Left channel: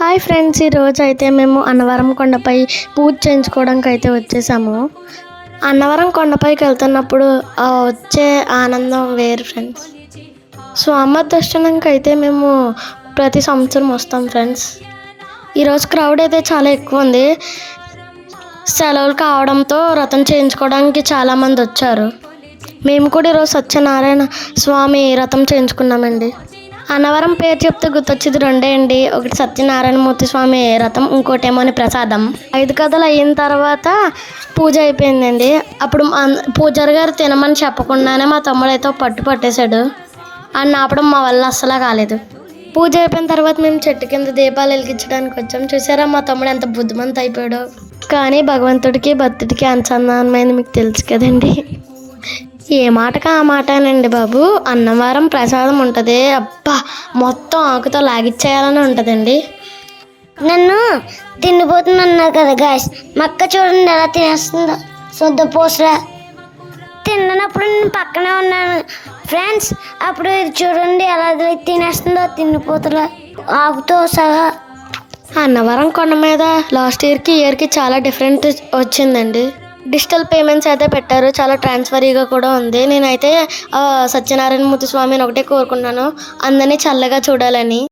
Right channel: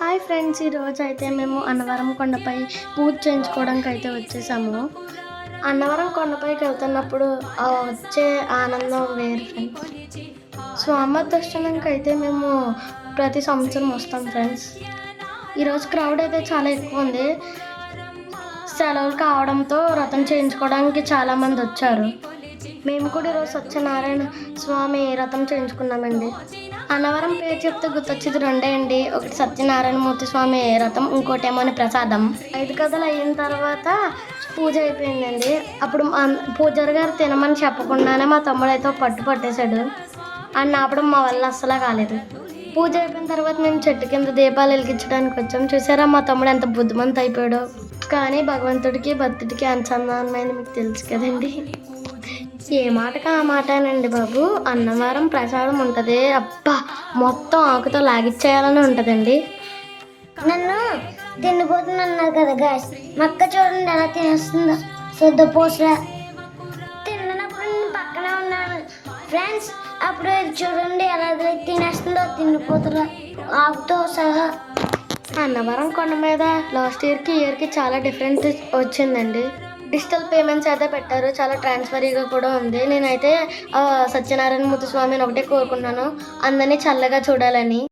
Hi friends, ఈరోజు అయితే మేము అన్నవరం కొండపై పూజ చేయించుకోవడానికి అయితే వచ్చేసాము. అన్నవరం కొండపైకి వెళ్తున్నప్పుడు వచ్చే ఆనందం వేరు ఫ్రెండ్స్. సో అమ్మ దర్శనంకి అయితే మేము ప్రతి సంవత్సరం వస్తాం ఫ్రెండ్స్. ఈరోజు క్రౌడ్ అయితే చాలా ఎక్కువ ఉంది. సెలవులు కావడంతో వ్రతం చేయించుకోవడానికి చాలామంది వచ్చారు. మేము కూడా ఈరోజు సత్యనారాయణ స్వామి వ్రతం చేయించుకున్నామండి. అన్నవరం పేరు చెప్తే గుర్తొచ్చేది రెండే అండి. ఒకటి సత్యనారాయణమూర్తి స్వామి వ్రతం, ఇంకోటేమోని ప్రసాదం. 5 కథలు అయిన తర్వాత పూజ అయిపోయిందండి. అప్పుడు పూజారి గారు తినమని చెప్పకుండానే మా తమ్ముడు అయితే పట్టు పట్టేశాడు. అని ఆపడం మా వల్ల అస్సలు కాలేదు. పూజ అయిపోయిన తర్వాత మేము చెట్టు కింద దీపాలు వెలిగించడానికి వచ్చాం. చూసారా మా తమ్ముడు ఎంత బుద్ధిమంత అయిపోయాడు. కానీ భగవంతుడికి భక్తుడికి అనుసంధానమైంది మీకు తెలుసు కదండి. ఏ మాటకా ఆ మాటేనండి బాబు. అన్నవరం ప్రసాదం ఉంటుంది, అబ్బా మొత్తం ఆకుతో లాగిచ్చేయాలని ఉంటుందండి. నన్ను తిండిపోతున్నారు కదా గాయస్, మక్క చూడండి ఎలా తినేస్తుందో. శుద్ధ పూసరా తిన్నప్పుడు నేను పక్కనే ఉన్నాను ఫ్రెండ్స్. అప్పుడు ఇది చూడండి ఎలా తినేస్తుందో, తిండిపోతల ఆకుతో సహా. అన్నవరం కొండ మీద లాస్ట్ ఇయర్కి చాలా డిఫరెంట్ వచ్చిందండి. డిజిటల్ పేమెంట్స్ అయితే పెట్టారు, చాలా ట్రాన్స్ఫరీగా కూడా ఉంది. నేనైతే సత్యనారాయణమూర్తి స్వామిని ఒకటే కోరుకున్నాను, అందరినీ చల్లగా చూడాలని.